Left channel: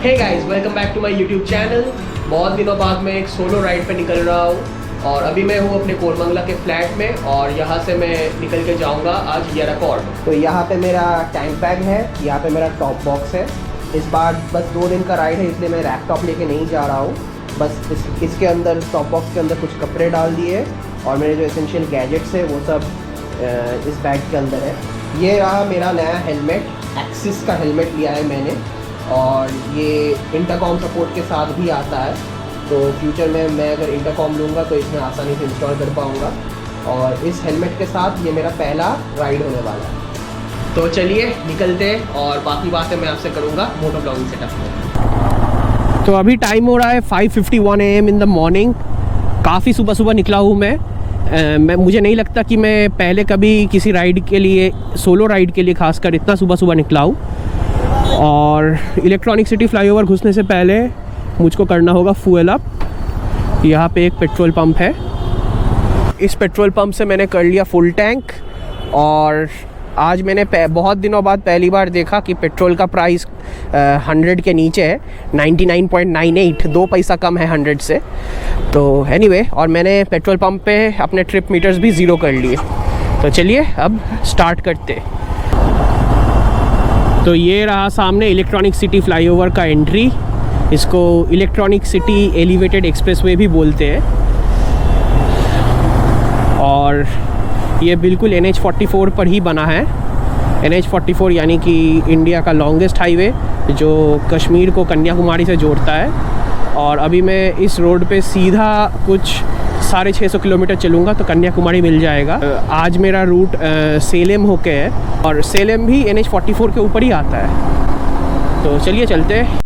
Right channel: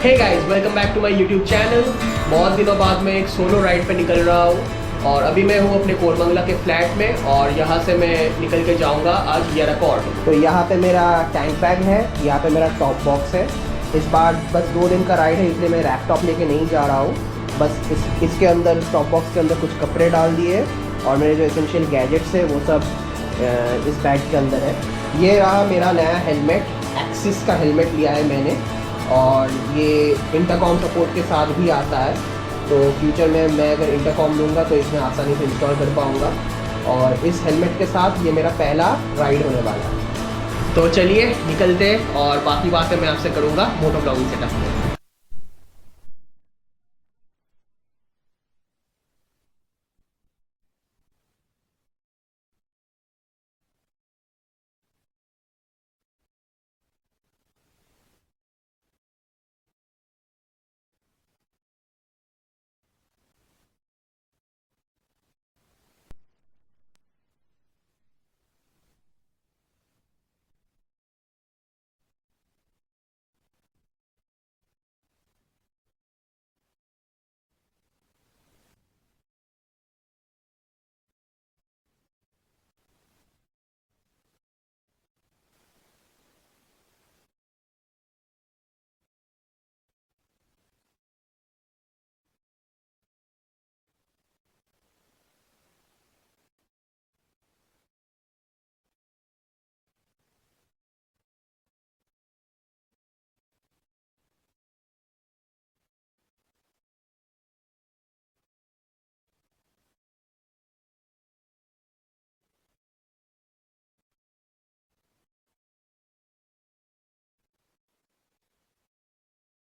Hey guys, welcome back to my YouTube channel. बहुत दिनों बाद मैं एक सोलो राइड पे निकल रहा हूँ और अभी मैं हूँ अपने कोरमंगला के फ्लैट में और यहाँ से मैं निकल के जाऊँगा आज येराकॉड। तो यहाँ पे मेरा टैंक बैग है, यहाँ पे मेरा टॉप बॉक्स है। इस बार बस 2 दिन का राइड है इसलिए मैं लैपटॉप लेके नहीं जा रहा हूँ। बस इसके अंदर टॉप बॉक्स के अंदर कुछ कपड़े डाल दिए और मेरे जो एसेंशियल गैजेट्स है वो सब इस बैग के अंदर है। ये रहा मेरा नया हेलमेट, एक्सिस का हेलमेट लिया है मैंने और ये इंटरकॉम सपोर्ट के साथ भी आता है। तो फ्यूचर में मैं अगर इंटरकॉम लूँगा तो इसमें आसानी से इंस्टॉल कर पाऊँगा और इस हेलमेट के साथ ये मेरा पहला राइड होने वाला है। तो चलिए निकलते हैं और बाकी बातें मैं आपसे करूँगा मोटो ब्लॉगिंग सेटअप में। तो अभी टाइम हो रहा है 5:51 AM इन द मॉर्निंग। काफ़ी सुबह सुबह निकला हूँ मैं मुझे नहीं लगता कि मैं पहले कभी किसी राइड के लिए, सोलो राइड के लिए खासकर इतना सुबह सुबह निकला हूँ। और इलेक्ट्रॉनिक सिटी फ्लाईओवर घुसने से पहले मुझको करना होगा फ्यूल अप। यहाँ पे एक पेट्रोल पंप है, इस पेट्रोल पंप से मैंने कर लिया फुल टैंक। और आज मैंने बहुत दिनों बाद पहली बार देखा कि पेट्रोल का प्राइस 100 के नीचे है, 99.98, 2 पैसा कम है 100 से। तो एनीवे, और मैंने पेट्रोल पंप पे अपने ट्रिप मीटर्स भी ज़ीरो कर लिए। तो चलिए अब स्टार्ट करते। तो ये रहा सामने इलेक्ट्रॉनिक सिटी फ्लाईओवर का एंट्री। इसको इलेक्ट्रॉनिक सिटी एलिवेटेड एक्सप्रेसवे भी बोलते हैं। और ये बिल्कुल NH44 पर ही बना है। NH44 यानी कि इंडिया का लॉन्गेस्ट हाईवे जो कश्मीर को कन्याकुमारी से जोड़ता है। और अभी मैं इस रोड पे सीधा कुछ 650 किलोमीटर चलूँगा तो कन्याकुमारी मिल जाएगा। आज मेरा रूट सेलेम होके है और सेलेम भी NH44 के ऊपर ही आता है। तो चलिए चलते हैं।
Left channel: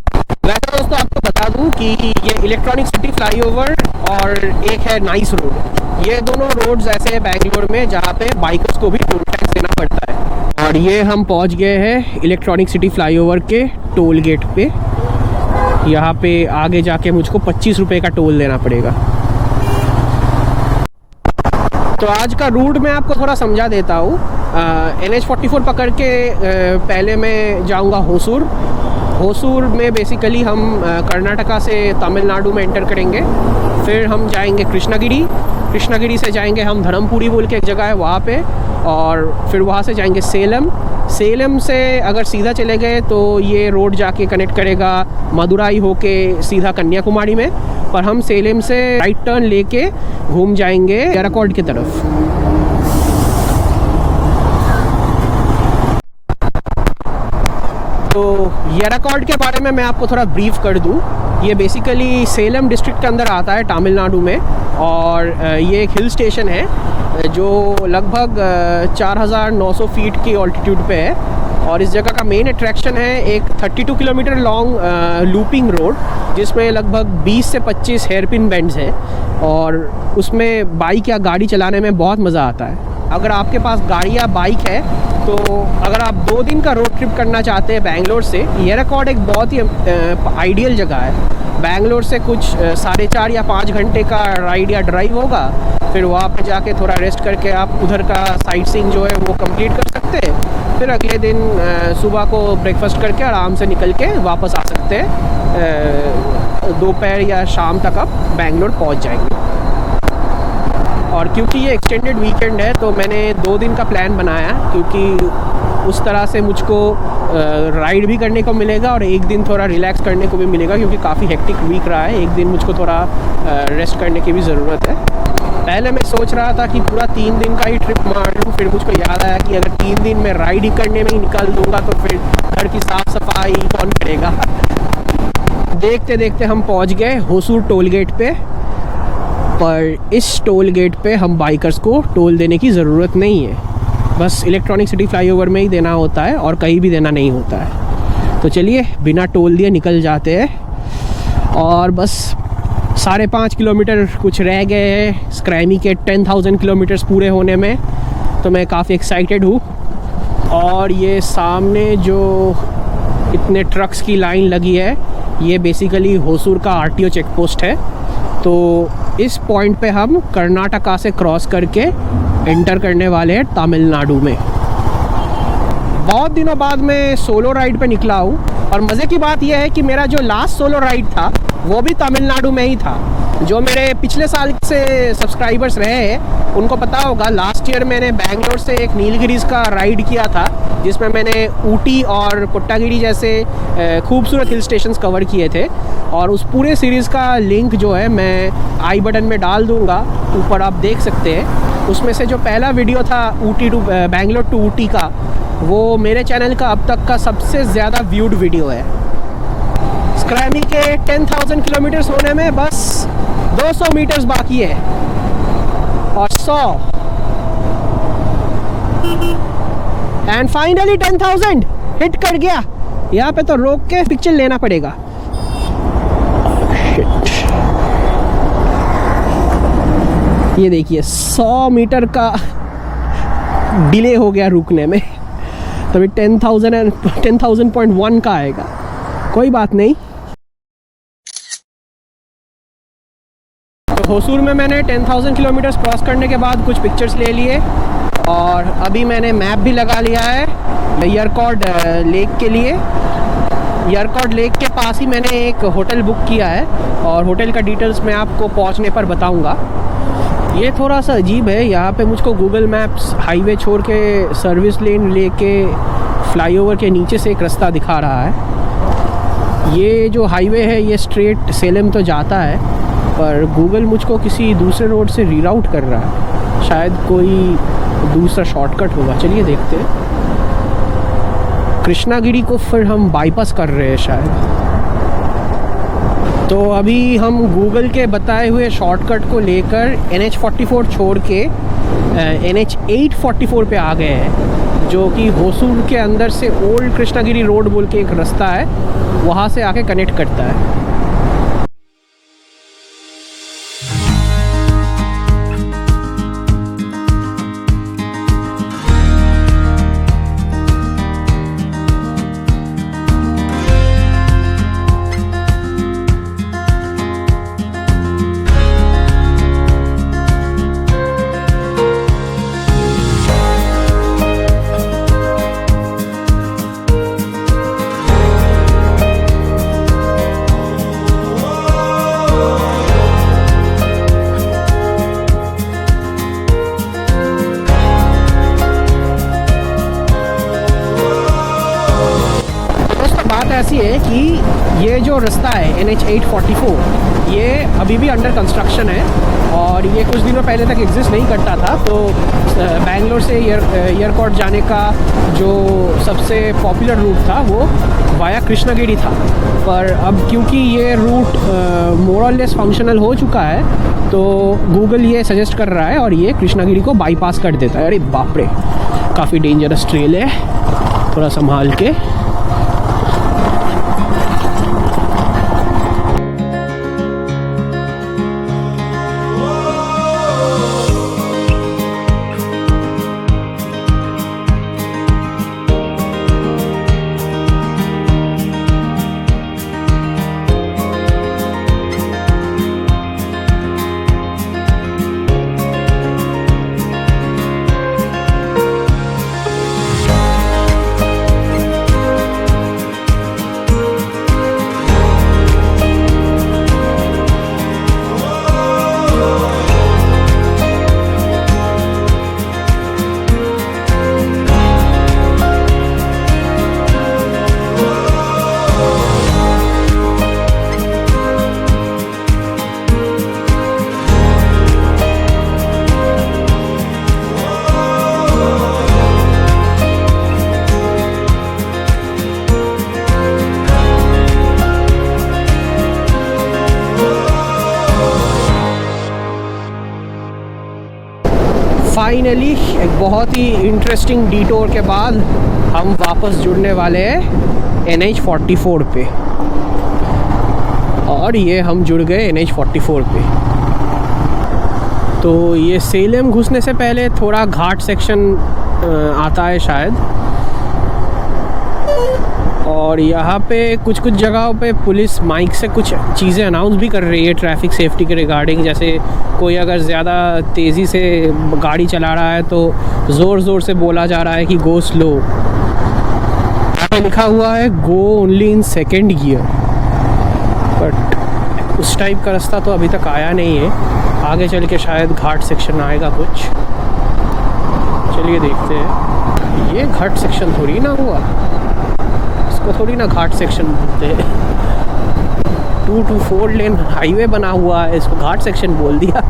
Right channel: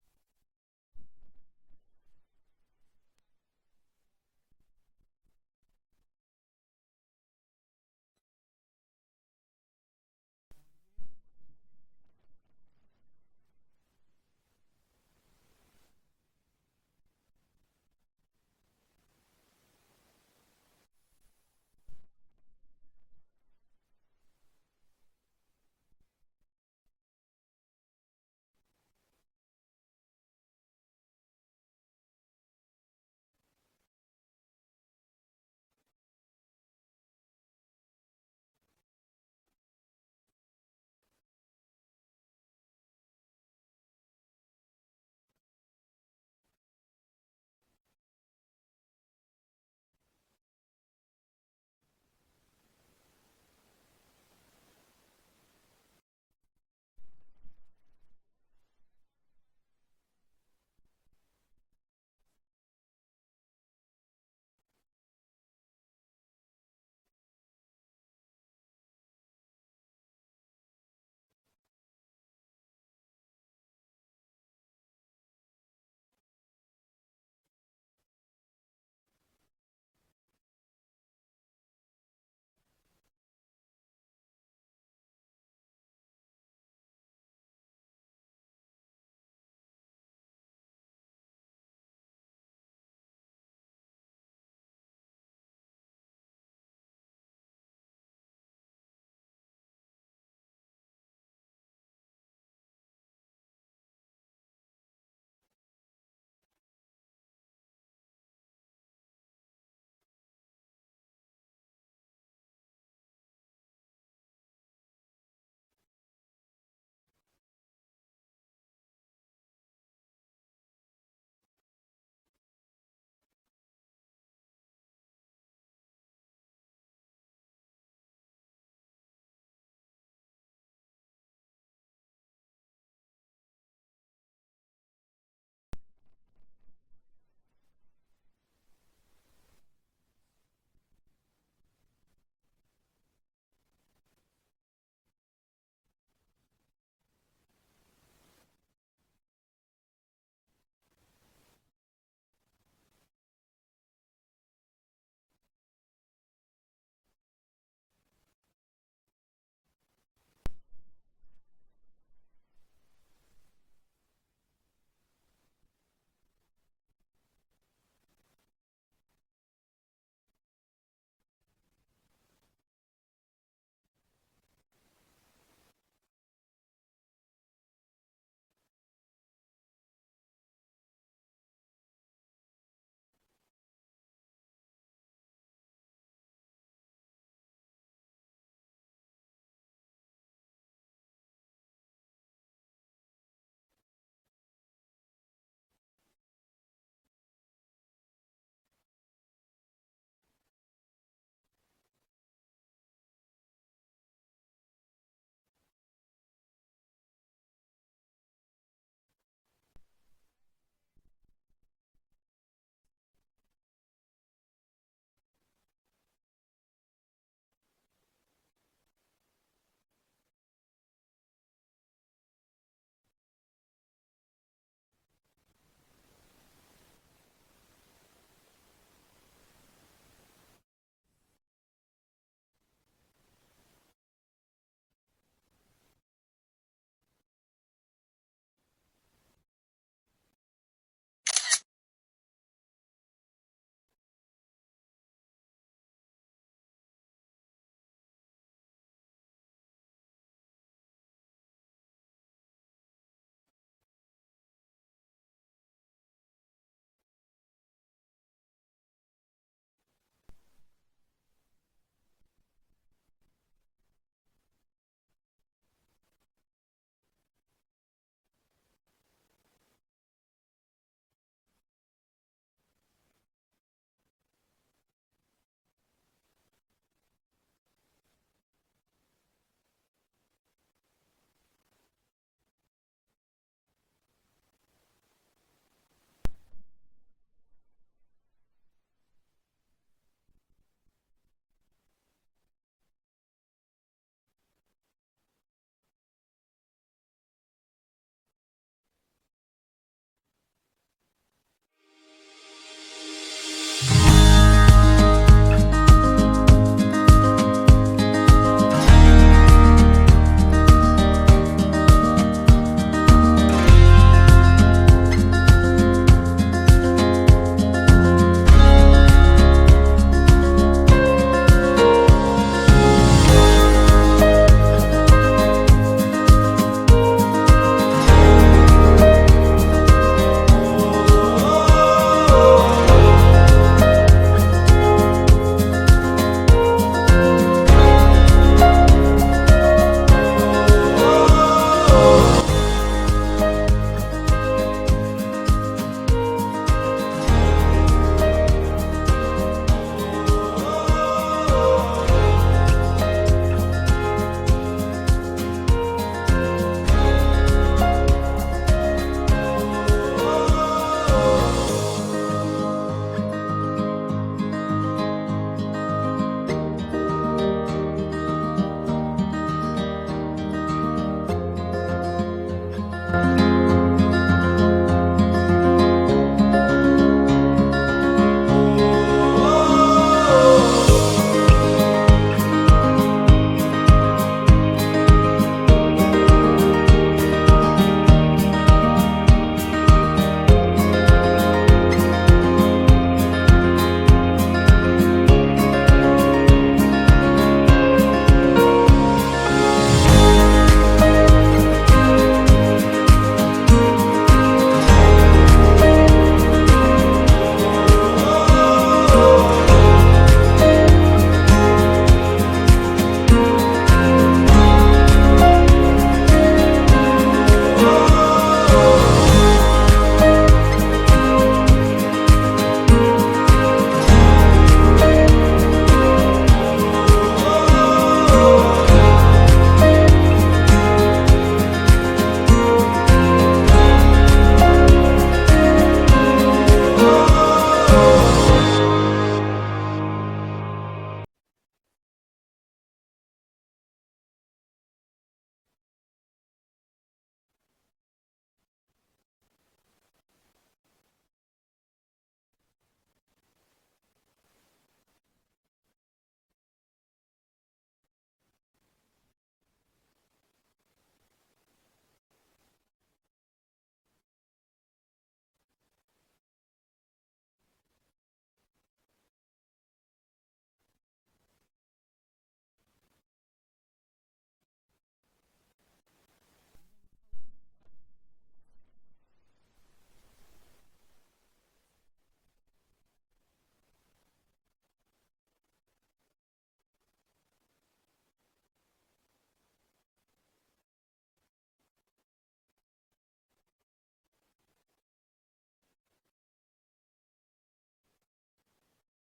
वैसे दोस्तों आपको बता दूं कि ये इलेक्ट्रॉनिक सिटी फ्लाईओवर और एक है नाइस रोड, ये दोनों रोड्स ऐसे हैं बेंगलोर में जहाँ पे बाइकर्स को भी टोल टैक्स देना पड़ता है। और ये हम पहुँच गए हैं इलेक्ट्रॉनिक सिटी फ्लाईओवर के टोल गेट पे। यहाँ पे आगे जाके मुझको 25 रुपये का टोल देना पड़ेगा। तो आज का रूट मैं आपको थोड़ा समझा देता हूँ। NH44 पकड़ के पहले मैं जाऊँगा होसूर। होसूर में बेसिकली हम कर्नाटका से तमिलनाडु में एंटर करेंगे। फिर हम जाएंगे कृष्णागिरी से जाएंगे हम धर्मपुरी बोल के एक जगह है वहाँ पे। और फिर वहाँ से जाएंगे सेलम से अगर सीधा चले गए तो ये रोड जाके कनेक्ट करेगा मदुराई होके सीधा कन्याकुमारी में। पर हम सेलम से राइट टर्न लेके घूम जाएंगे येराकॉड की तरफ। तो येराकॉड के बारे में मैं आपको थोड़ा ब्रीफ कर दूं। ये बेसिकली सेलम डिस्ट्रिक्ट के अंदर आता है तमिलनाडु में। और ये एक हिल स्टेशन है जो लगभग 4900 फीट की ऑल्टीट्यूड पे है। और इस जगह का मेन अट्रैक्शन है एक 32 किलोमीटर लॉन्ग लूपिंग रोड जिसमें लगभग 20 से 25 हेयरपिन बेंड्स हैं। और उसमें बाइक या गाड़ी चलाने में बहुत मज़ा आता है। अगर आपके पास गाड़ी या बाइक है तो अगर आप 2 दिन का रोड ट्रिप करना चाहते हैं बेंगलोर से, येराकॉड एक बहुत ही आइडियल जगह है। बेंगलोर से कुछ 4.5 या 5 घंटे का राइड या ड्राइव होगा। फिर वहाँ पे जाके थोड़ा रेस्ट करके आप उधर का साइट सीइंग जो है वो कंप्लीट कर सकते हैं। फिर अगले दिन सुबह को ब्रेकफास्ट करके आराम से निकल के वापस आ सकते हैं। दोपहर या शाम तक आप बेंगलोर पहुँच जाएंगे। और क्योंकि ये एक्सटेंडेड वीकेंड है तो मैंने 2 दिन का प्लान बनाया, क्योंकि उस तरह से मुझको राइड भी करने को मिलेगा और एक दिन थोड़ा रिलैक्स करने को भी मिलेगा, क्योंकि काफ़ी हेक्टिक वीक रहा है। एक दिन मुझको थोड़ा रेस्ट करने की भी ज़रूरत है। पहले मैं सोच रहा था कि पूरा 3 दिन का ही ट्रिप मार लूँ, फिर मुझको याद आया कि अगर 3 दिन में राइड ही करने में ही निकाल दूँगा तो फिर घर की साफ़ सफाई कौन करेगा। देखते देखते हम पहुँच गए होसूर टोल गेट पे। पर इस टोल गेट पे हम बाइकर्स को टोल देने की ज़रूरत नहीं है, बस इलेक्ट्रॉनिक सिटी फ्लाईओवर में ही देना होता है और कहीं भी देना नहीं होता है। तो चलिए बिना टोल दिए निकल जाते हैं। और बस 5.5 किलोमीटर कुछ रह गए हैं स्क्रैमी के 10,000 किलोमीटर्स पूरे होने में। तो मैं काफ़ी एक्साइटेड हूँ। और ये सामने जो इतने ट्रक्स की लाइन लगी है ये बेसिकली होसूर का RTO चेक पोस्ट है। तो इस पॉइंट पे हम कर्नाटका से क्रॉस करके एंटर करने वाले हैं तमिलनाडु में। बहुत दिनों बाद मैं सोलो राइड पे निकला हूँ और मज़े की बात यह है कि मेरा जो लास्ट सोलो राइड था वो भी तमिलनाडु में ही था। जो मेरे पिछले साल से सब्सक्राइबर्स रहे हैं उनको पता होगा, लास्ट ईयर मैंने बैंगलोर से एक नीलगिरीज का राइड किया था जिसमें मैंने ऊटी और कोट्टागिरी जैसे खूबसूरत हिल स्टेशंस कवर किए थे। और उस पूरे सीरीज़ का लिंक जो है मैं आई बटन में डाल दूँगा, ऊपर आप देख सकते हैं। उसमें से जो पहला वीडियो था ऊटी टू बैंगलोर टू ऊटी का, वो मेरे चैनल का अब तक का सबसे ज़्यादा व्यूड वीडियो है। स्क्रैमी के 10,000 किलोमीटर्स होने में बस 200 मीटर्स बाकी है और 100 एंड फाइनली 10,000 हिट कर गया। यहाँ पे तो रोक के पिक्चर लेना पड़ेगा। ये देखिए 100 मीटर का डिले हो गया रुकने में, तभी 10,000.1 का आएगा। कोई बात नहीं। तो होसूर में मैंने 10,000 किलोमीटर्स क्रॉस करने के बाद कुछ पिक्चर्स ले लिए और अभी मैंने मैप भी लगा लिया है यरकॉड लेक के लिए। यरकॉड लेक के पास ही मैंने एक होटल बुक किया है और होटल का डिटेल्स मैं आपको पहुंचने पर बताऊंगा। ये थोड़ा सा अजीब है, यहाँ पे मुझको गूगल मैप्स हाईवे छोड़ के सर्विस लेन लेके फ्लाईओवर के नीचे से एक रास्ता दिखा रहा है। ये जो हाईवे है ये स्ट्रेट सेलम तो जाता है, पर गूगल मुझको किसी दूसरे रोड से रीराउट कर रहा है, शायद कोई दूसरा शॉर्टकट होगा। चलिए देखते हैं। कृष्णागिरी को फिर हम बाईपास कर रहे हैं शायद। तो अभी हम गूगल के बताए हुए शॉर्टकट को लेकर NH44 छोड़ के NH 844 पे आ गए हैं, जो कि होसूर के अंदर से ओल्ड कृष्णागिरी रोड बोल के एक रास्ता है, वहाँ से आके कनेक्ट करता है। रास्ता है NH 844, ये अभी भी अंडर कंस्ट्रक्शन है और ये कुछ दिनों पहले तक एग्जिस्ट नहीं करता था। तो बैंगलोर से एयरकॉड जाने का जो सबसे पॉपुलर रूट था वो वाया कृष्णागिरी था, पर अब क्योंकि ये रूट मोर और लेस फंक्शनल हो चुका है तो गूगल ये सजेस्ट कर रहा है और ये कृष्णागिरी को बाईपास कर देता है। अरे बाप रे, काफ़ी डेंजरस ट्रेल है, थोड़ा संभाल के। फाइनली एक बहुत ही इंटरेस्टिंग डिटोर के बाद हम वापस जुड़ने वाले हैं NH 44 पे, और ये हम जुड़ गए NH 44 पे। तो ये सेलम घुसने से पहले थोड़ा घाट सेक्शन आता है शायद, और यहाँ पे कुछ कुछ जगहों पे पुलिस माइक से कुछ चीज़ें अनाउंस भी कर रही है ट्रैफिक सेफ्टी के रिगार्डिंग। जैसे कोई अगर ज़्यादा तेज़ी से गाड़ी चला रहा है तो ज़ोर ज़ोर से बोला जा रहा है कि गो स्लो। पे लिखा हुआ है go only in second gear, but उस टाइप का रास्ता तो अभी तक आया नहीं है। आगे चल के शायद घाट सेक्शन आएगा कुछ, चलिए देखते हैं। ये घाट सेक्शन थोड़ी ना हुआ, इसको थोड़ी ना घाट सेक्शन बोलते हैं। 2 to 4 लेन हाईवे बना हुआ है, इसको घाट सेक्शन बोल दिया।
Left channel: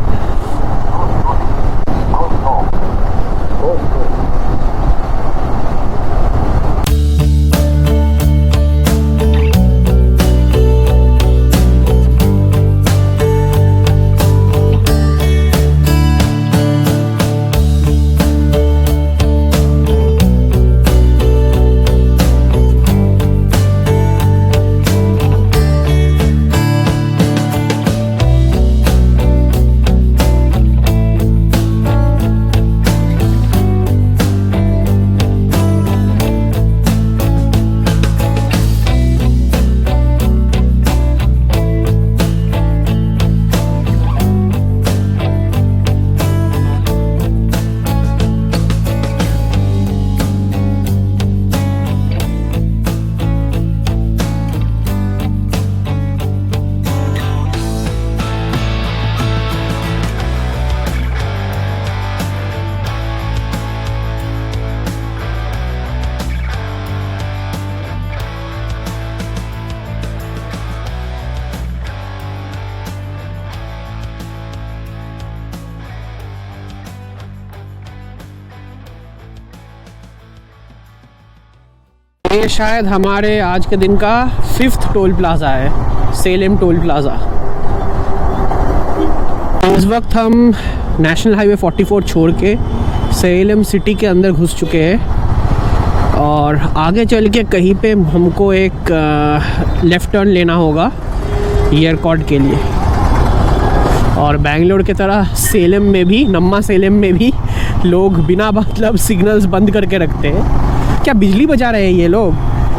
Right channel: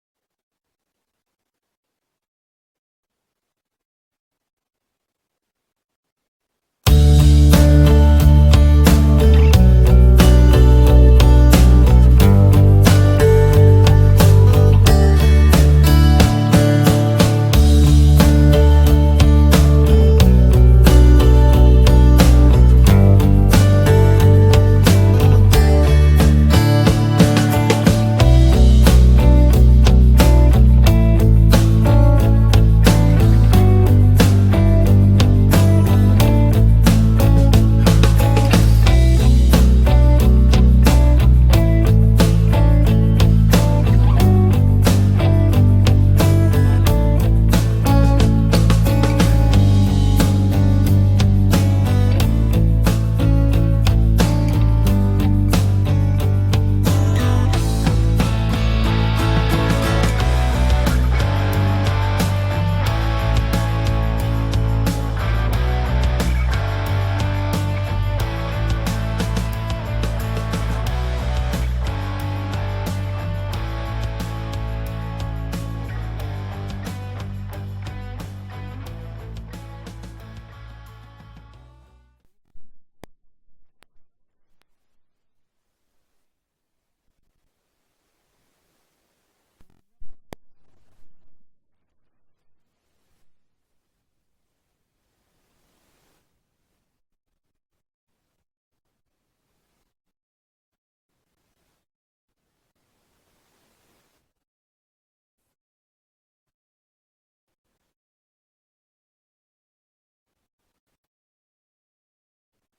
ये शायद हमारे आज के दिन का 5th टोल प्लाज़ा है, सेलेम टोल प्लाज़ा। इस वक्त हम नेशनल हाईवे 44 छोड़ के सेलेम सिटी के अंदर घुस चुके हैं और आगे चल के कहीं पे हमको एक लेफ़्ट टर्न लेना होगा एयरकॉर्ड के लिए। और बेंगलोर की तरह सेलेम में भी, नम्मा सेलेम में भी लोग बिना मतलब सिग्नल्स बंद करके रखते हैं। क्या बिजली बजा रहे हैं ये लोग?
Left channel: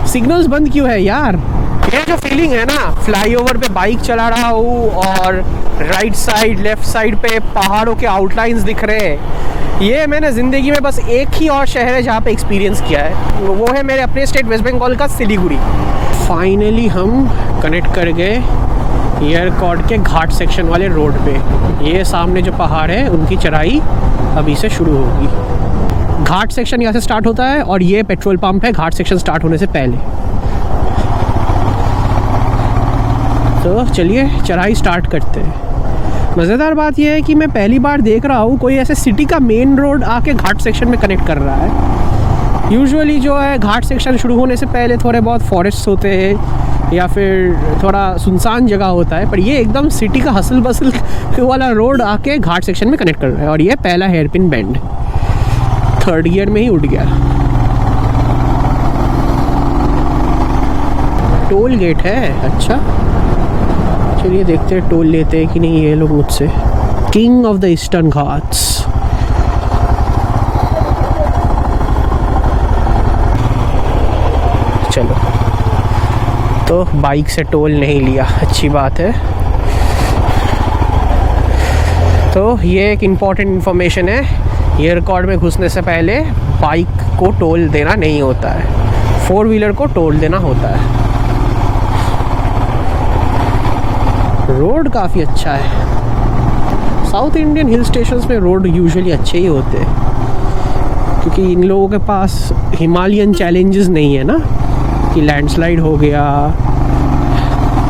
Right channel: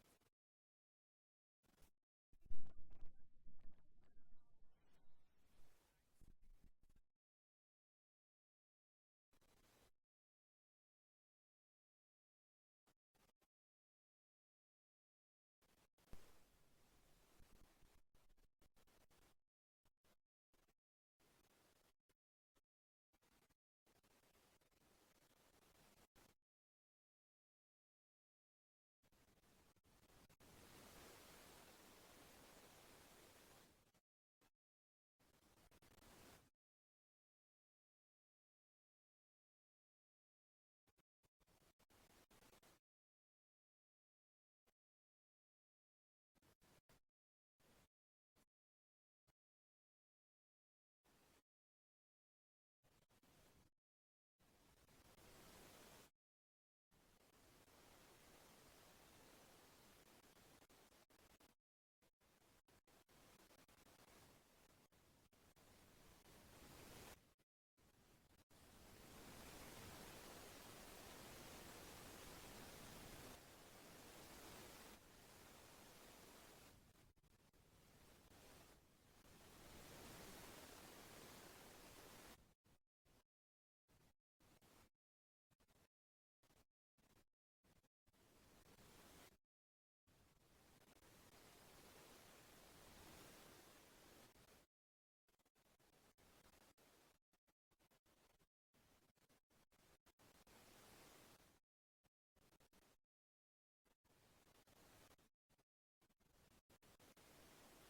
सिग्नल्स बंद क्यों है यार? ये जो फीलिंग है ना, फ्लाईओवर पे बाइक चला रहा हूँ और राइट साइड लेफ्ट साइड पे पहाड़ों के आउटलाइंस दिख रहे हैं, ये मैंने ज़िंदगी में बस एक ही और शहर है जहाँ पे एक्सपीरियंस किया है, वो है मेरे अपने स्टेट वेस्ट बंगाल का सिलीगुड़ी। फाइनली हम कनेक्ट कर गए एयरकॉर्ड के घाट सेक्शन वाले रोड पे। ये सामने जो पहाड़ है उनकी चढ़ाई अभी से शुरू होगी। घाट सेक्शन यहाँ से स्टार्ट होता है और ये पेट्रोल पंप है घाट सेक्शन स्टार्ट होने से पहले। तो चलिए चढ़ाई स्टार्ट करते हैं। मज़ेदार बात यह है कि मैं पहली बार देख रहा हूँ कोई ऐसे सिटी का मेन रोड आके घाट सेक्शन में कनेक्ट कर रहा है। यूजुअली जो है घाट सेक्शन शुरू होने से पहले थोड़े बहुत फॉरेस्ट होते हैं या फिर थोड़ा सुनसान जगह होता है, पर ये एकदम सिटी का हसल बसल वाला रोड आके घाट सेक्शन में कनेक्ट कर रहा है। और ये पहला हेयरपिन बेंड 3rd गियर में ही उठ गया। टोल गेट है, अच्छा चलिए देखते हैं टोल लेते हैं कि नहीं ये लोग मुझसे। King of the eastern Ghats. चलो, तो बाइक से टोल नहीं लिया, अच्छी बात है। तो ये एक इम्पॉर्टेंट इन्फॉर्मेशन है, एयरकॉर्ड में घुसने से पहले बाइक को टोल देना नहीं होता है, 4 व्हीलर को टोल देना होता है। रोड काफ़ी अच्छा है। साउथ इंडियन हिल स्टेशंस में रोड यूजुअली अच्छे ही होते हैं क्योंकि इन लोगों के पास हिमालयन चैलेंजेस नहीं है ना, कि लैंडस्लाइड हो गया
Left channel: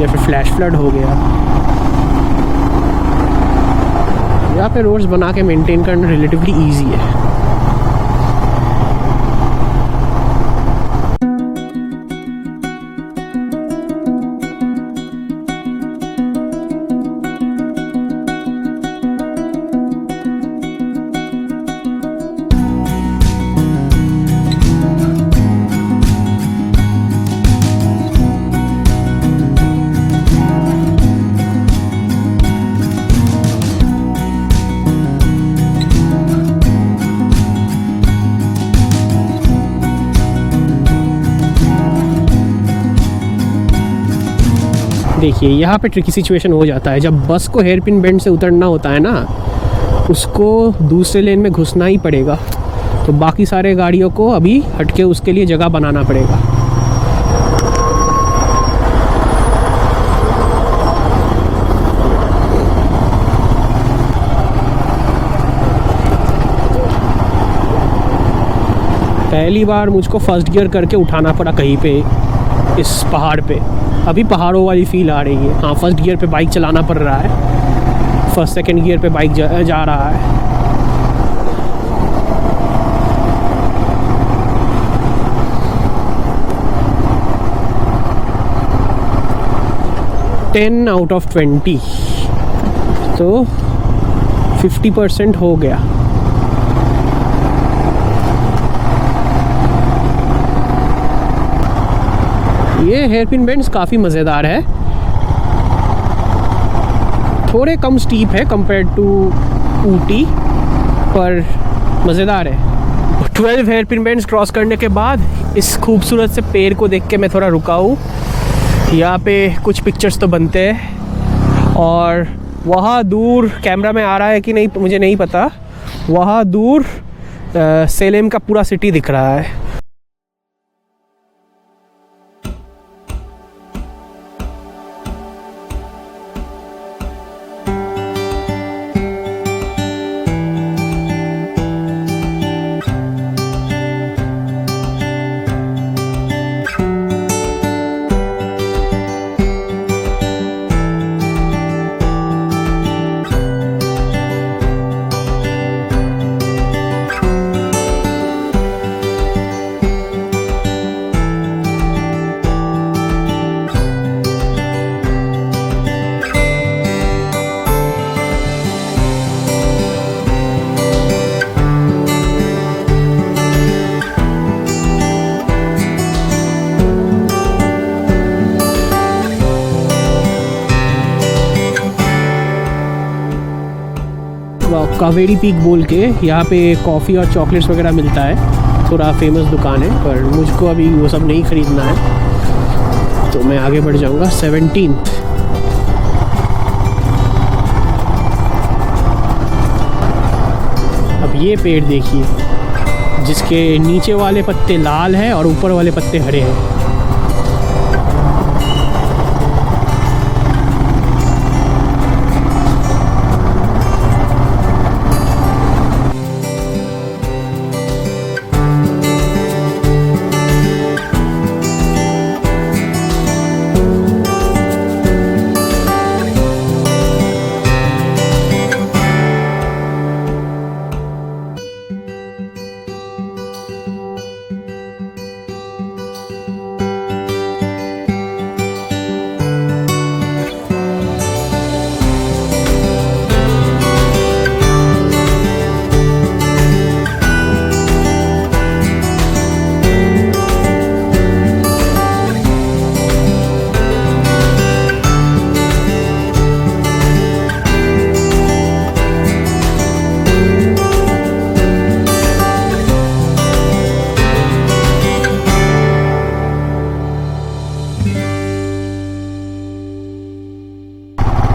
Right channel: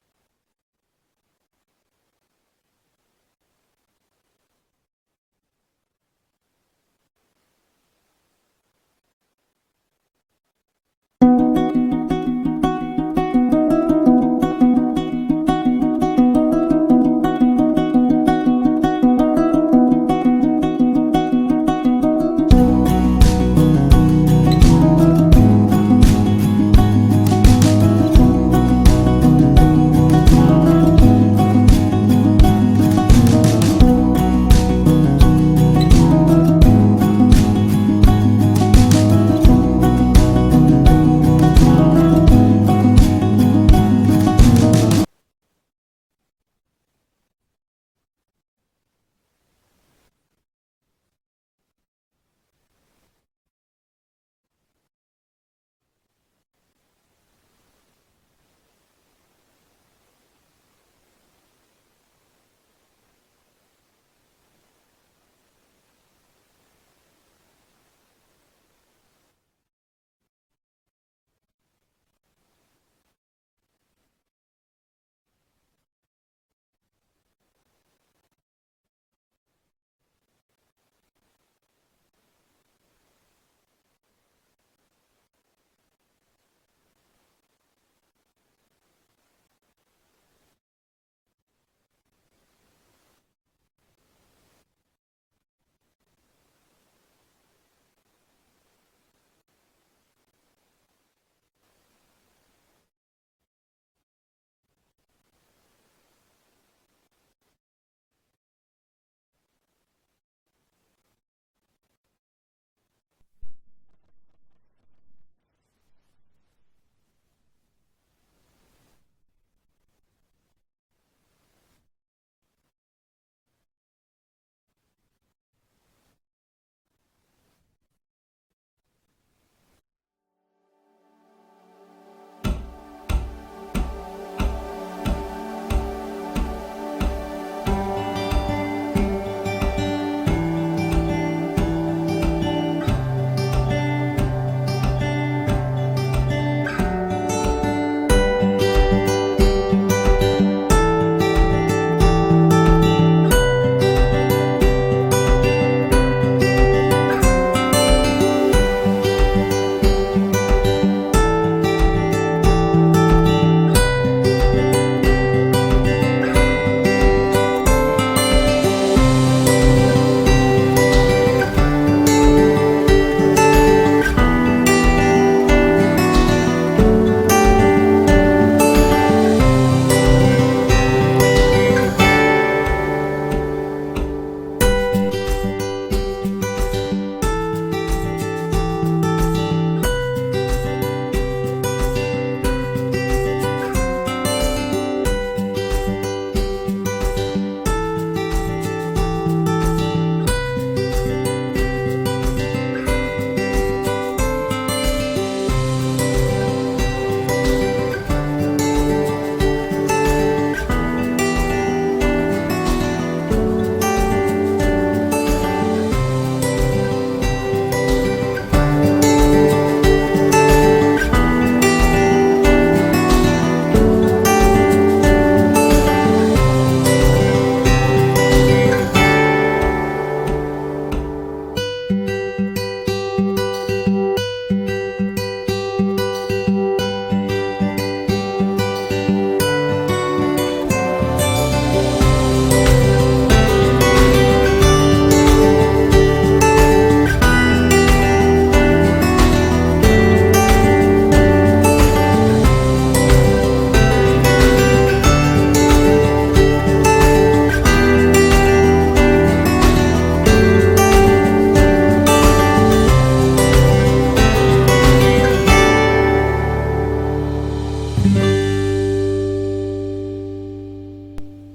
या फिर फ्लैश फ्लड हो गया। यहाँ पे रोड्स बना के मेंटेन करना रिलेटिवली इजी है। देखिए यहाँ पे ट्रिकी सिचुएशन हो जाता है, जब बस को हेयरपिन बेंड से उतरना होता है ना, उसको दूसरे लेन में घुसना ही पड़ेगा, तो बाकी सारे गाड़ियों को अभी हटके उसके लिए जगह बनाना पड़ेगा। पहली बार मुझको फर्स्ट गियर करके उठाना पड़ा कहीं पे इस पहाड़ पे। अभी पहाड़ों वाली फील आ रही है। हाँ, फर्स्ट गियर पे बाइक चलाना पड़ रहा है, फर्स्ट सेकंड गियर पे बाइक जा रहा है। टेन आउट ऑफ 20, तो 50% हो गया। ये हेयरपिन बेंड्स काफ़ी मज़ेदार है, थोड़े कम स्टीप है कंपेयर टू ऊटी, पर मज़ेदार है। 12 हेयरपिन बेंड्स क्रॉस करने के बाद इस खूबसूरत से पेड़ को देख के मैं थोड़ा रुका हूँ। यहाँ पे कुछ पिक्चर्स तो बनते हैं, और वहाँ दूर, कैमरा में आ रहा है कि नहीं मुझे नहीं पता, वहाँ दूर सेलेम का पूरा सिटी दिख रहा है। कावेरी पीक बोल के यहाँ पे कॉफ़ी और चॉकलेट्स वगैरह मिलता है, थोड़ा फेमस दुकान है, पर मुझको अभी वो सब नहीं ख़रीदना है, तो मैं आगे बढ़ जाऊँगा। 17 अब ये पेड़ देखिए, जिसके नीचे वाले पत्ते लाल हैं और ऊपर वाले पत्ते हरे हैं।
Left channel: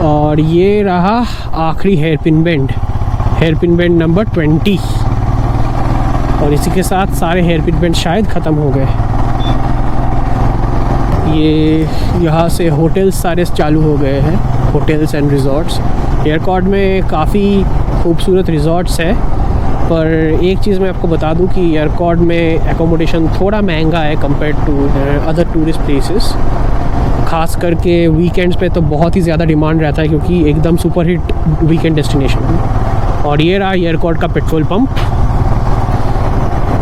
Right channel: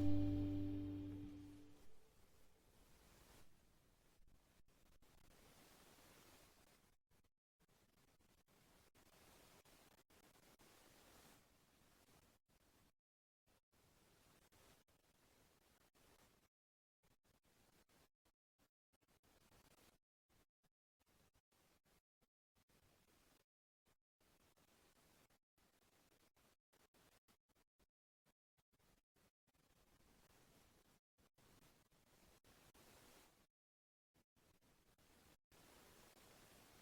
और ये रहा आखिरी हेयरपिन बेंड नंबर 20, और इसी के साथ सारे हेयरपिन बेंड शायद ख़त्म हो गए। ये यहाँ से होटल्स सारे चालू हो गए हैं, होटल्स एंड रिज़ॉर्ट्स। एयरकॉर्ड में काफ़ी खूबसूरत रिज़ॉर्ट्स है, पर एक चीज़ मैं आपको बता दूं कि एयरकॉर्ड में एकोमोडेशन थोड़ा महंगा है compare to other tourist places. ख़ास करके वीकेंड्स पे तो बहुत ही ज़्यादा डिमांड रहता है, क्योंकि एकदम सुपर हिट वीकेंड डेस्टिनेशन है। और ये रहा एयरकॉर्ड का पेट्रोल पंप।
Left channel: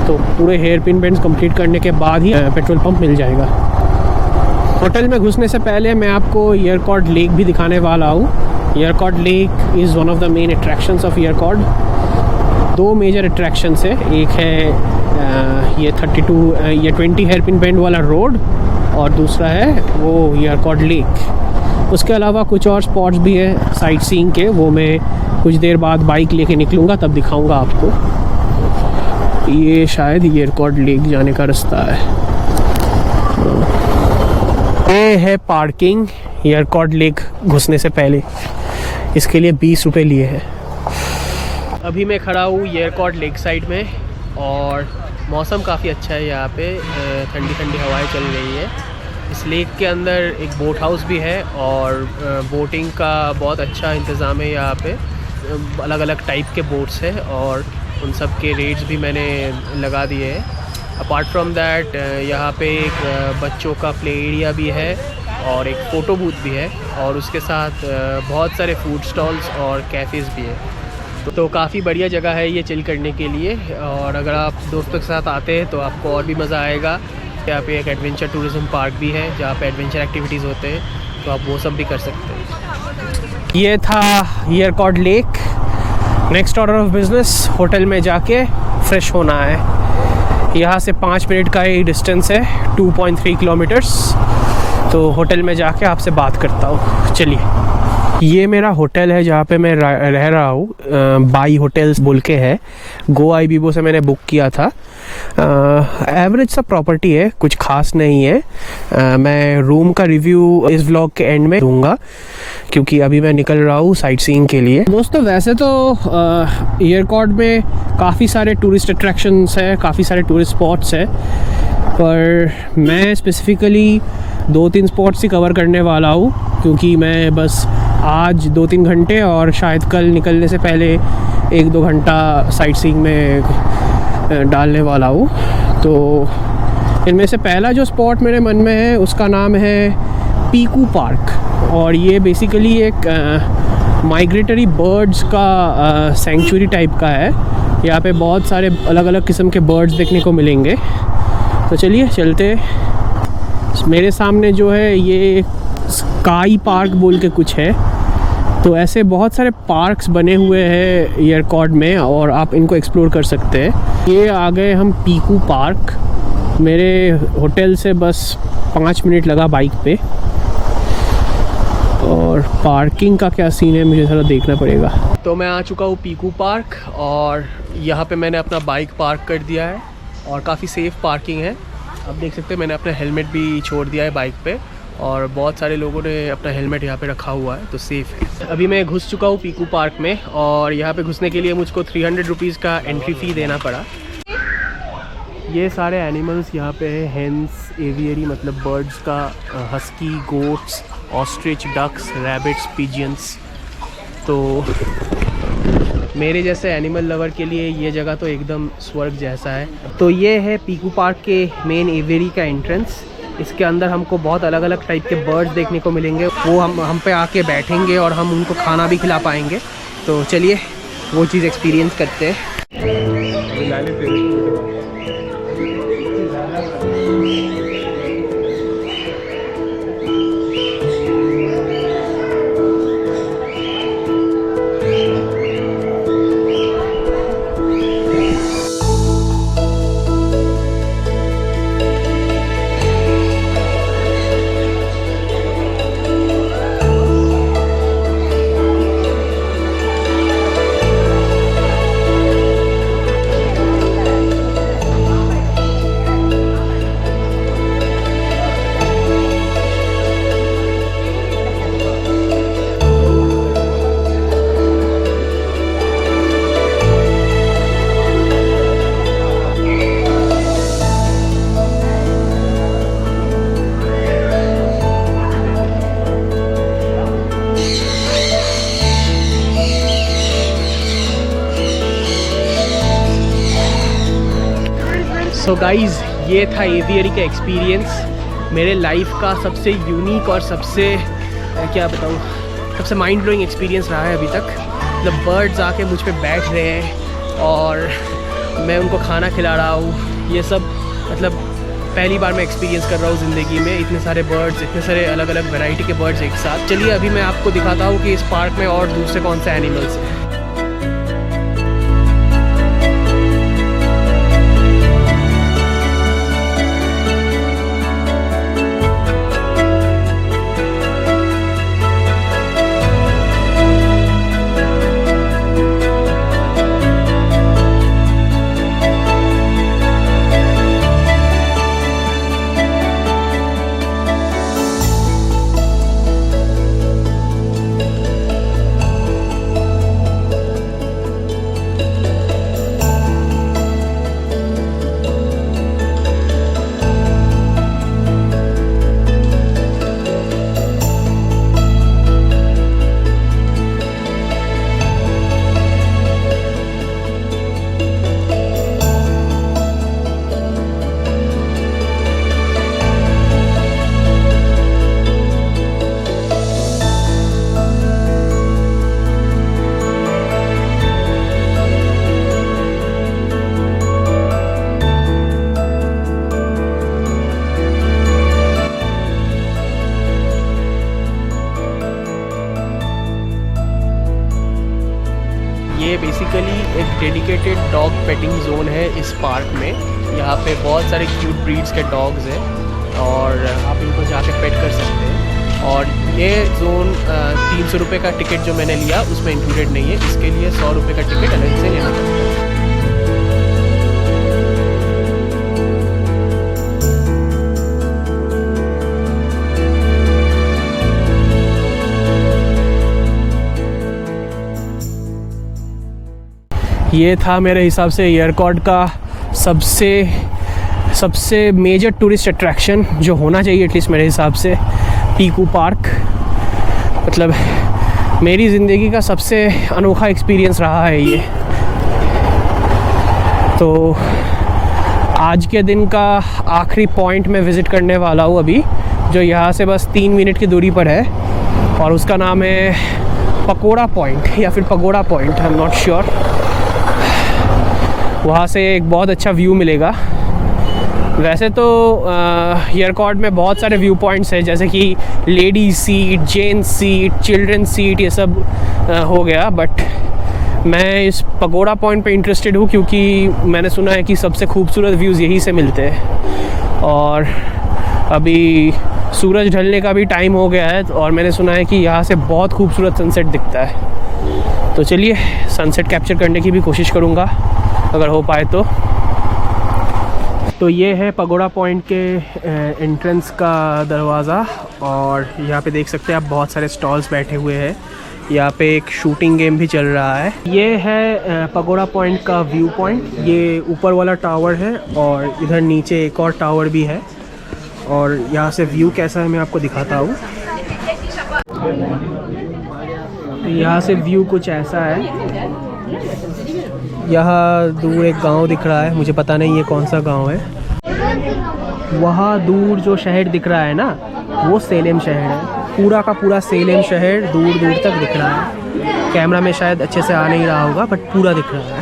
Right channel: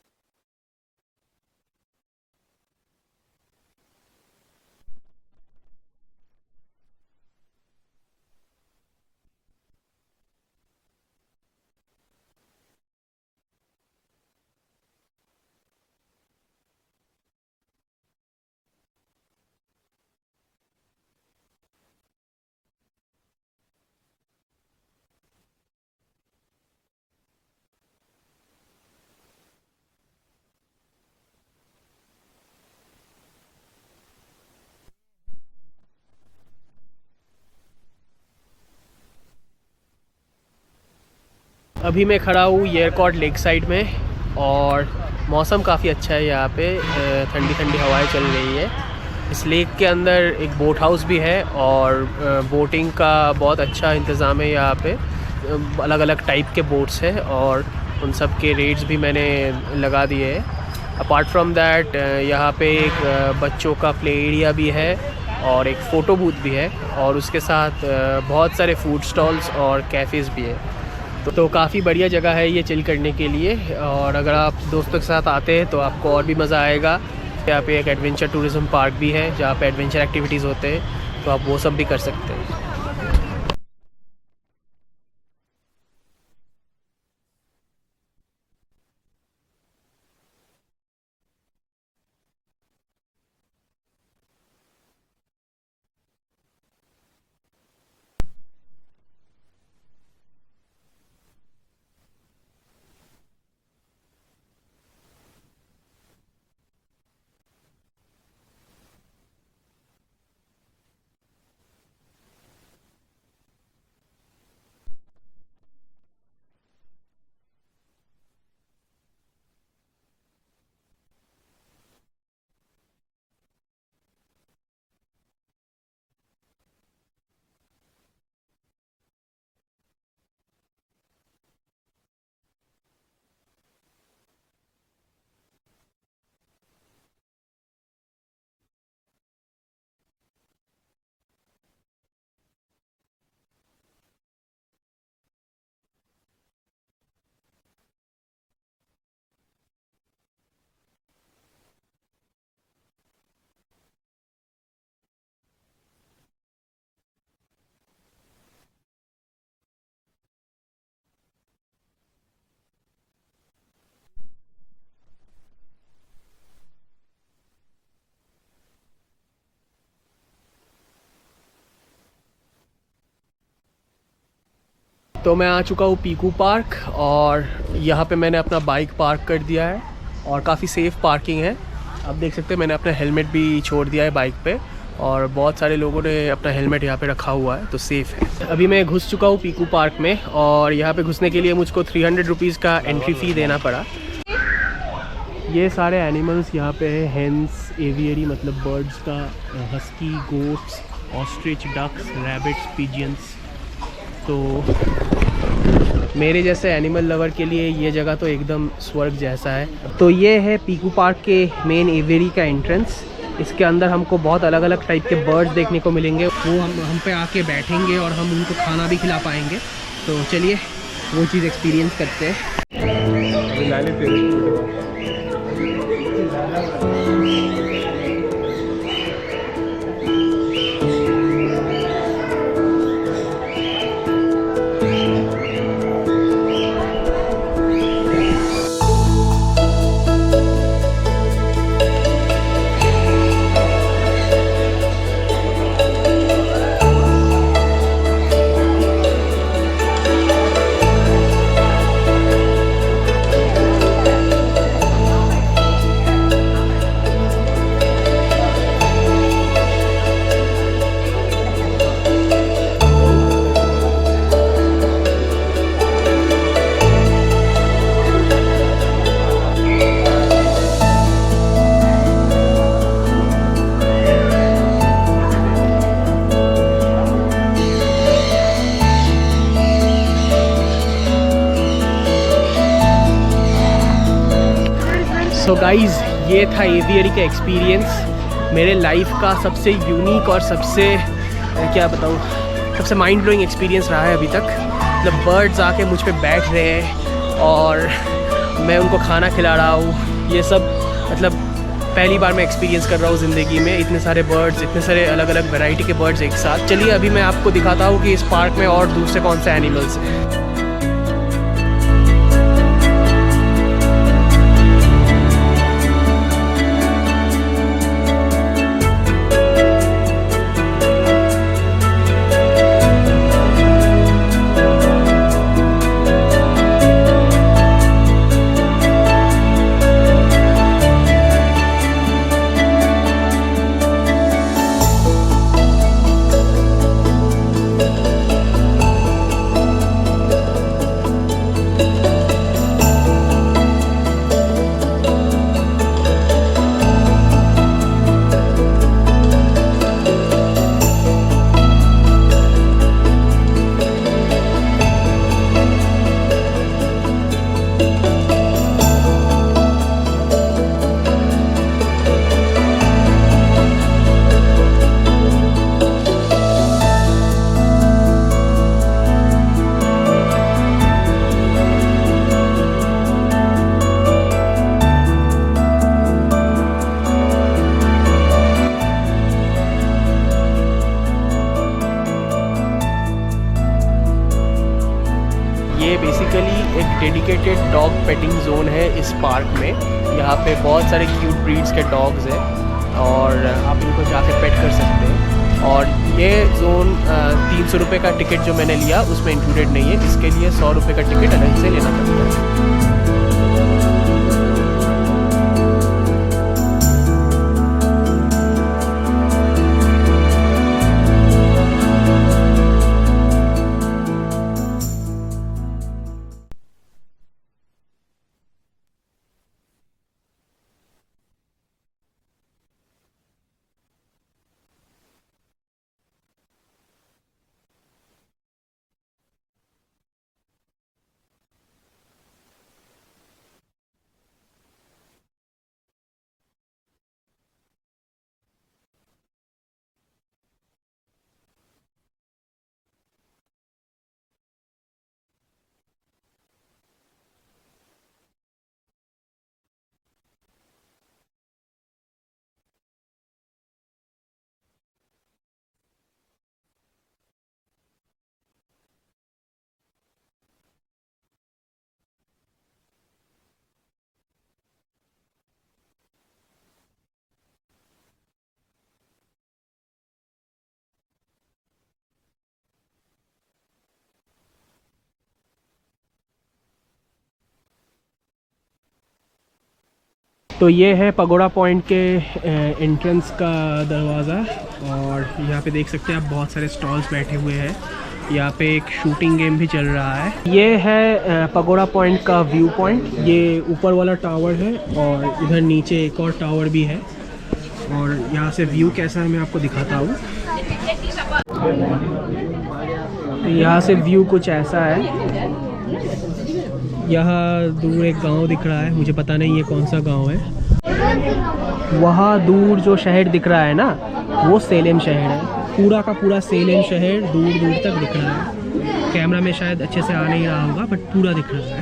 तो पूरे हेयरपिन बेंड्स कंप्लीट करने के बाद ही पेट्रोल पंप मिल जाएगा। होटल में घुसने से पहले मैं आपको एयरकॉर्ड लेक भी दिखाने वाला हूँ। एयरकॉर्ड lake is one of the main attractions of एयरकॉर्ड। 2 मेजर अट्रैक्शंस है, एक है ये 20 हेयरपिन बेंड वाला रोड, और दूसरा है वो एयरकॉर्ड लेक। उसके अलावा कुछ और स्पॉट्स भी हैं साइट सीइंग के, वो मैं कुछ देर बाद बाइक लेके निकलूँगा तब दिखाऊंगा आपको। ये शायद एयरकॉर्ड लेक जाने का रास्ता है। ये है पार्किंग एयरकॉर्ड लेक घुसने से पहले, इसके लिए 20 रुपये लिए हैं। अभी मैं खड़ा हूँ एयरकॉर्ड लेक साइड में, और मौसम काफ़ी अच्छा है यहाँ पे, ठंडी ठंडी हवाएं चल रही है। इस लेक के अंदर एक बोट हाउस भी है, और बोटिंग का बहुत अच्छा इंतज़ाम है यहाँ पे। अलग अलग टाइप के बोट्स हैं, और उन सब के रेट्स भी मैंने लगा दिए हैं। अपार्ट फ्रॉम दैट यहाँ पे एक बच्चों का प्ले एरिया भी है और एक फ़ोटो बूथ भी है और उसके साथ बहुत सारे फूड स्टॉल्स और कैफ़ेज़ भी है। तो काफ़ी बढ़िया जगह है ये चिल करने के लिए, और अगर आप दोस्तों के साथ आते हैं तो आपको और भी मज़ा आएगा। यहाँ पे एक एडवेंचर टूरिज़म पार्क भी है जहाँ पे एडवेंचर एक्टिविटीज़ होते हैं, तो आप वो सब भी कर सकते हैं। ये था Yercaud lake. Next order of business hotel में जाके फ्रेश होना है। यहाँ से 5 मिनट का ही डिस्टेंस है, 2.3 किलोमीटर्स। तो होटल में जाके आपसे बात करता हूँ। चलिए, ये मेरा होटल है जहाँ पे मैं रह रहा हूँ। बाई होटल्स बोल के है, गो आईबीबो से मैंने बुक किया था। एवरेज सा प्रॉपर्टी है, कुछ खास नहीं है। मैं रूम का रिव्यू इस व्लॉग के एंड में दूंगा क्योंकि अभी मैं निकल रहा हूँ साइट सीइंग के लिए। दोस्तों वैसे तो येरकॉड में काफ़ी सारे टूरिस्ट अट्रैक्शंस है, काफ़ी सारे टूरिस्ट स्पॉट्स है, पर मैं स्पेसिफ़िकली 2-3 स्पॉट्स ही कवर करने वाला हूँ क्योंकि मैं बस आज 2-3 घंटे और शायद कल निकलने से पहले 1-2 घंटा साइट सीइंग में डालने वाला हूँ। तो इनमें से पहला जो स्पॉट मेरे मन में है उसका नाम है पीकू पार्क, और ये बेसिकली एक माइग्रेटरी बर्ड्स का सेंचुरी टाइप का है। यहाँ पे बहुत सारे अलग अलग किस्म के बर्ड्स देखने को मिलेंगे। तो चलिए चलते। मेरे सामने जो है ये स्काई पार्क बोल के कुछ है। तो ऐसे बहुत सारे पार्क्स बने हुए हैं येरकॉड में और आप इनको एक्सप्लोर कर सकते हैं। ये आ गए हम पीकू पार्क। मेरे होटल से बस 5 मिनट लगा बाइक पे, और पार्किंग का क्या सीन है मुझे थोड़ा देखना पड़ेगा। तो मैं आ चुका हूँ पीकू पार्क और यहाँ पे मैंने अपना बाइक पार्क कर दिया है और काफ़ी सेफ़ पार्किंग है। आप देख सकते हैं मैंने अपना हेलमेट भी छोड़ दिया है बाइक पे, और बहुत सारे लोगों ने अपना हेलमेट यहाँ पे रखा हुआ है, तो सेफ़ है। अभी मैं घुस चुका हूँ पीकू पार्क में, और यहाँ पे घुसने के लिए मुझको 300 रुपीज़ का एंट्री फ़ी देना पड़ा। ये सारे एनिमल्स यहाँ पे है, हेंस, एवियरी मतलब बर्ड्स का, husky, goats, ostrich, ducks, rabbits, pigeons. तो मेरे जैसे एनिमल लवर के लिए ये जगह तो एकदम स्वर्ग जैसा है। तो ये है पीकू पार्क के मेन एवियरी का एंट्रेंस। इसके अंदर हमको बहुत अलग अलग टाइप के बर्ड्स देखने को मिलेंगे। वो हम पे आके बैठेंगे और हम उनको खाना भी खिला पाएंगे। तो चलिए वो चीज़ एक्सपीरियंस करते हैं। सो गाइज़, ये था एवियरी का एक्सपीरियंस। मेरे लाइफ का सबसे यूनिक और सबसे क्या बताऊँ, सबसे माइंड ब्लोइंग एक्सपीरियंस रहा है अभी तक। मतलब बर्ड्स आके मुझ पे बैठ रहे हैं और मैं उनको खाना खिला रहा हूँ। ये सब मतलब पहली बार मैं एक्सपीरियंस कर रहा हूँ ज़िंदगी में। इतने सारे बर्ड्स, इतने सारे अलग अलग वैरायटी के बर्ड्स एक साथ। चलिए अभी मैं आपको दिखाता हूँ कि इस पार्क में और दूसरे कौन से एनिमल्स हैं। डेडिकेटेड डॉग पेटिंग जोन है इस पार्क में। यहाँ पे बहुत सारे क्यूट ब्रीड्स के डॉग्स हैं और आप इनको जाके पेट कर सकते हैं। और ये जोन 300 रुपये का टिकट जो मैंने लिया उसमें इंक्लूडेड नहीं है, इसके लिए 100 रुपये का टिकट अलग से लेना पड़ता है। ये था मेरे हिसाब से एयरकॉर्ड का सबसे मेजर टूरिस्ट अट्रैक्शन जो होना चाहिए एटलीस्ट मेरे हिसाब से, पीकू पार्क। मतलब मेरी ज़िंदगी का सबसे अनोखा एक्सपीरियंस रहा है ये। तो आज के दिन का आखिरी पॉइंट मैं विज़िट करने वाला हूँ अभी, जो यहाँ से बस 3 मिनट की दूरी पर है और उसका नाम है पकोड़ा पॉइंट या फिर pagoda point, I am not sure. वहाँ से एक बहुत अच्छा व्यू मिलेगा। वैसे तो एयरकॉर्ड में बहुत सारे व्यू पॉइंट्स हैं, जैसे कि ladies seat, gents seat, children seat, ये सब हो गया। बट मैं इस पगोड़ा पॉइंट पे इंटरेस्टेड हूँ क्योंकि मैंने सुना है कि सबसे खूबसूरत व्यूज़ यहीं से मिलते हैं। और अभी सूरज ढलने का भी टाइम हो गया है और मैंने सुना है कि यहाँ से बहुत खूबसूरत सनसेट दिखता है। तो चलिए सनसेट कैप्चर करने की भी कोशिश करूँगा अगर हो पाए तो ये है पगोड़ा पॉइंट के एंट्रेंस का दरवाज़ा और यहाँ पे देख सकते हैं आप बहुत सारे स्टॉल्स बैठे हुए हैं। यहाँ पे एक शूटिंग गेम भी चल रहा है। ये है पगोड़ा पॉइंट का व्यू पॉइंट। ये ऊपर वाला टावर है और इधर नीचे एक और टावर भी है और यहाँ से व्यू कैसा है मैं आपको दिखाता हूँ। यहाँ से व्यू कुछ ऐसा है। यहाँ दूर एक गांव दिख रहा है, मुझे पता नहीं ये कौन सा गांव है। वहाँ दूर जो शहर दिख रहा है ना, वो सेलेम शहर है। पूरा का पूरा सेलेम शहर दूर दूर तक दिख रहा है। कैमरा में शायद अच्छे से आ नहीं रहा होगा बट पूरा दिख रहा है।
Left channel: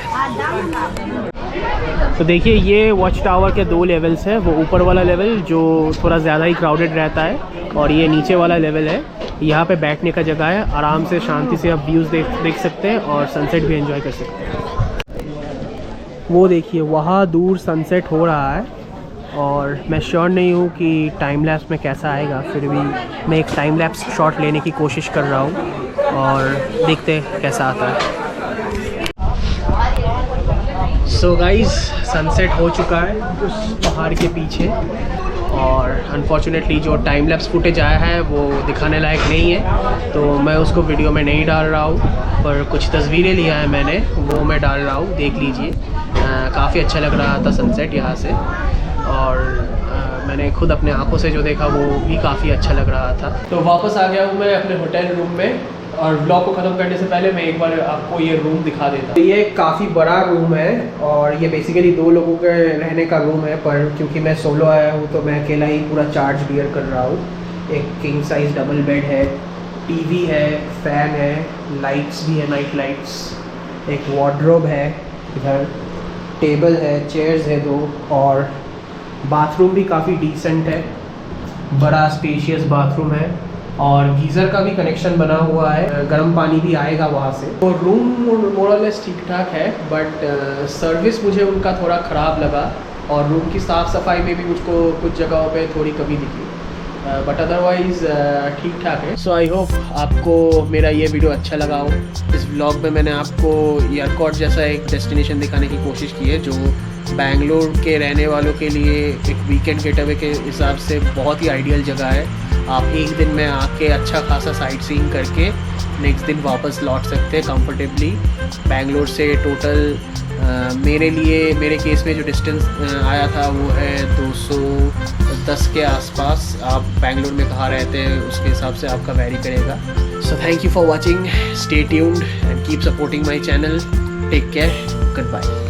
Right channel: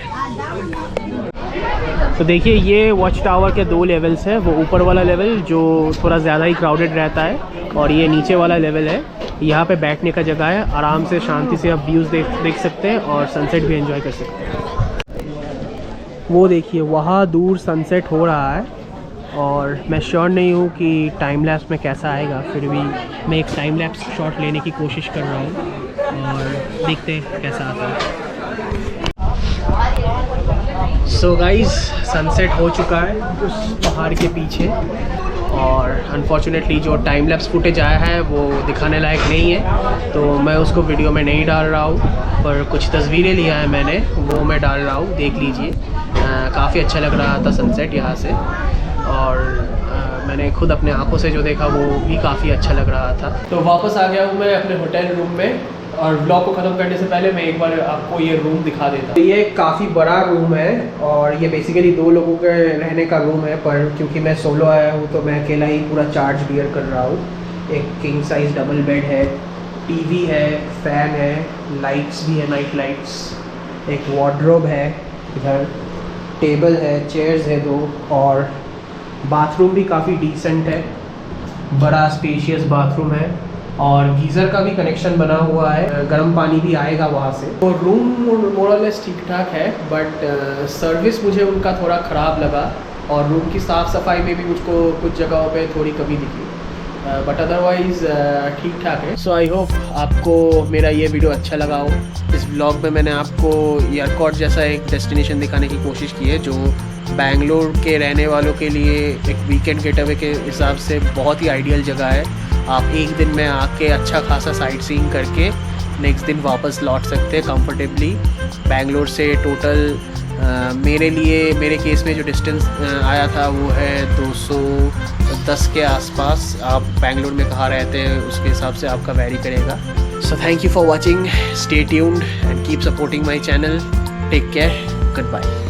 तो देखिए ये वॉच टावर के 2 लेवल्स हैं। वो ऊपर वाला लेवल जो थोड़ा ज़्यादा ही क्राउडेड रहता है और ये नीचे वाला लेवल है। यहाँ पे बैठने का जगह है, आराम से शांति से आप व्यूज़ देख सकते हैं और सनसेट भी एंजॉय कर सकते हैं। वो देखिए वहाँ दूर सनसेट हो रहा है और मैं श्योर नहीं हूँ कि टाइम लैप्स में कैसा आएगा, फिर भी मैं एक टाइम लैप्स शॉट लेने की कोशिश कर रहा हूँ और देखते हैं कैसा आता है। सो गाइस सनसेट हो चुका है उस पहाड़ के पीछे और अनफॉर्चुनेटली जो टाइम लैप्स फुटेज आया है वो दिखाने लायक नहीं है, तो मैं उसको वीडियो में नहीं डाल रहा हूँ। पर कुछ तस्वीरें लिया है मैंने, वो मैं डाल रहा हूँ, देख लीजिए। काफ़ी अच्छा लग रहा था सनसेट यहाँ से और मैंने खुद अपने आंखों से जो देखा वो भी काफ़ी अच्छा लग रहा था। तो वापस आ गया हूँ मैं अपने होटल रूम में और ब्लॉग को ख़त्म करने से पहले मैं एक बार आपको ये रूम दिखा देता हूँ। ये काफ़ी बड़ा रूम है और ये बेसिकली 2 लोगों के रहने का रूम है, पर क्योंकि मैं सोलो आया हूँ तो मैं अकेला ही पूरा चार्ज बियर कर रहा हूँ। एक किंग साइज डबल बेड है, टीवी है, फ़ैन है, लाइट्स भी है, नाइट लाइट्स, एक वार्डरोब है, इधर टेबल है, चेयर्स है 2 और बाथरूम भी काफ़ी डिसेंट है, बड़ा स्पेशियस बाथरूम है और गीज़र का भी कनेक्शन बना हुआ है, गर्म पानी भी आएगा वहाँ से। तो रूम मोरलेस ठीक ठाक है बट सर्विस मुझे उनका थोड़ा ख़राब लगा और रूम की साफ़ सफाई में भी मुझको कुछ जगहों पे थोड़ी कमी दिखी, बट अदरवाइज़ ठीक ठाक है। सो आई होप आपको मेरा ये वीडियो अच्छा लगा हो। इस व्लॉग में मैंने आपको एयरकॉर्ड जैसा एक डेस्टिनेशन दिखाने की कोशिश की है जो बैंगलोर के रहने वालों के लिए एक वीकेंड गेटअवे के हिसाब से बहुत ही आइडियल जगह है। आप एक दिन में आके अच्छा खासा साइट सीइंग करके नेक्स्ट दिन वापस लौट सकते हैं कंफर्टेबली। बैंगलोर से टोटल मेरे केस में जो डिस्टेंस आया था वो है 210 के आसपास। आप बैंगलोर में कहाँ रहते हैं उसके हिसाब से आपका वैरी करेगा। So thank you for watching, stay tuned and keep supporting my channel. Take care, good bye.